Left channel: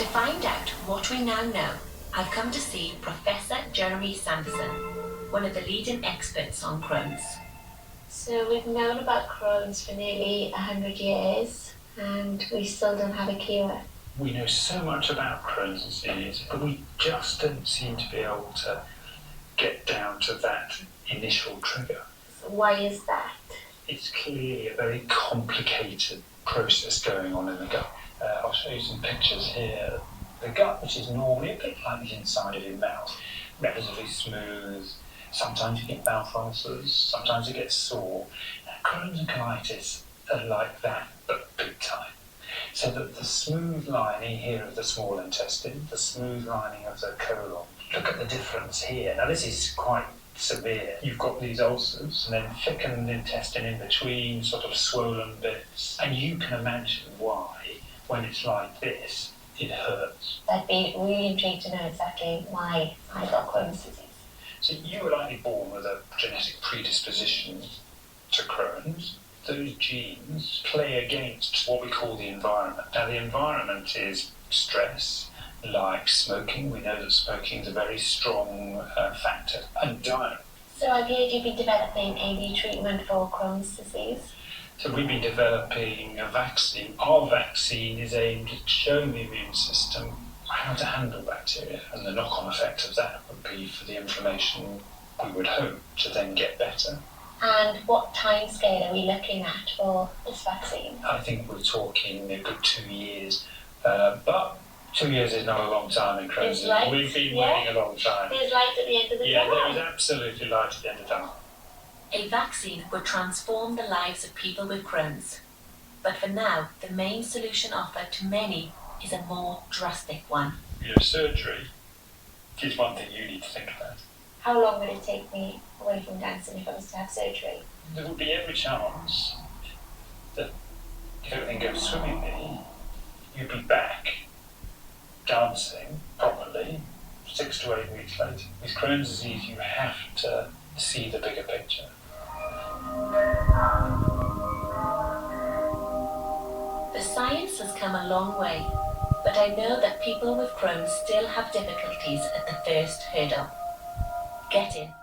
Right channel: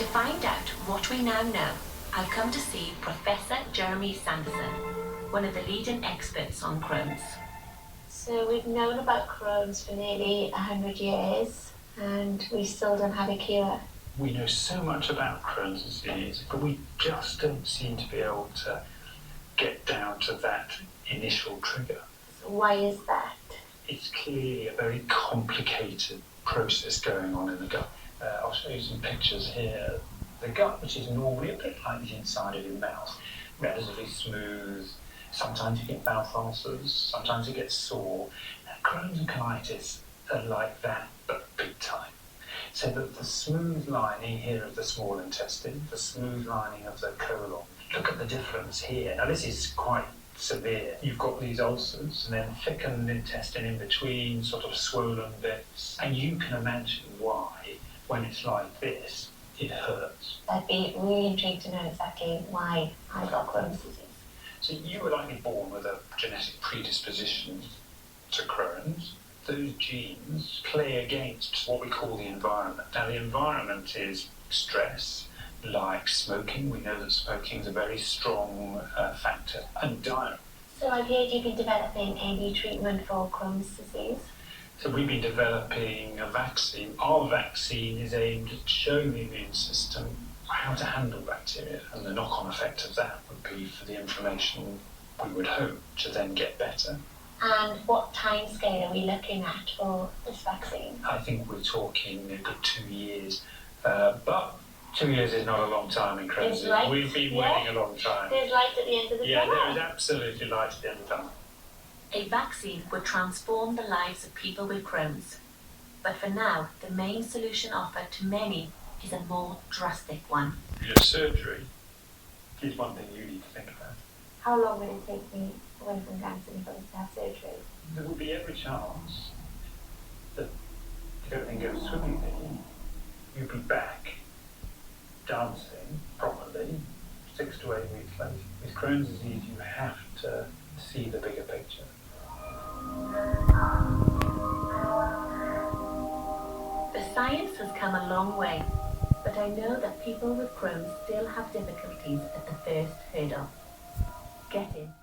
To find out what we now know, I've come to see Professor Sanderson, one of the leading experts on Crohn's. So we've known about Crohn's for nearly 100 years, and we still don't have a cure. We know so much about Crohn's disease, but we just don't seem to be able to get down to that initial trigger. So why is that? It's clearly a very complicated process going on in the gut. I'll show you some pictures here. The gut, which is normally a bit like the inside of your mouth, relatively smooth. Sometimes you get mouth ulcers, sometimes it gets sore. Crohn's and colitis are like that, but big time. So that the smooth lining here of the small intestine, the smooth lining of the colon, look at the difference here. Now this is quite severe. You've got these ulcers and then thickened intestine in between, sort of swollen bits. And you can imagine why, when it's like this, it hurts. I'd be really intrigued to know exactly why I got Crohn's disease. So you were likely born with a genetic predisposition to Crohn's. Those genes play against what we call the environment. Now the environment is stress, like smoking. We know that smoking is a very strong factor, and diet. So I've heard you've been developing a new treatment for Crohn's disease. So we've been developing a vaccine. Our vaccine is aimed at showing the immune system how to handle bacteria, and the knock-on effect of that would be for the inflammation, we would hope, to then get better. And what time scale are we looking at for this vaccine? I think we're talking a good 2 years, but 2 years is not a long time in Crohn's. We've been waiting a long time. There's light at the end of the tunnel. Yeah, there is absolutely light at the end of the tunnel. A vaccine would transform the lives of people with Crohn's. But for now, the main solution offered to many is a more drastic one. Your surgery is one thing you need to think about. How long would it take me away from dancing if I was to have surgery? There would be every chance that if everything goes swimmingly, you'd be back dancing properly 6 to 8 weeks later. With Crohn's disease, you have to see the bigger picture. The science has come a long way, but I know that people with Crohn's still have difficulties at the first hurdle: getting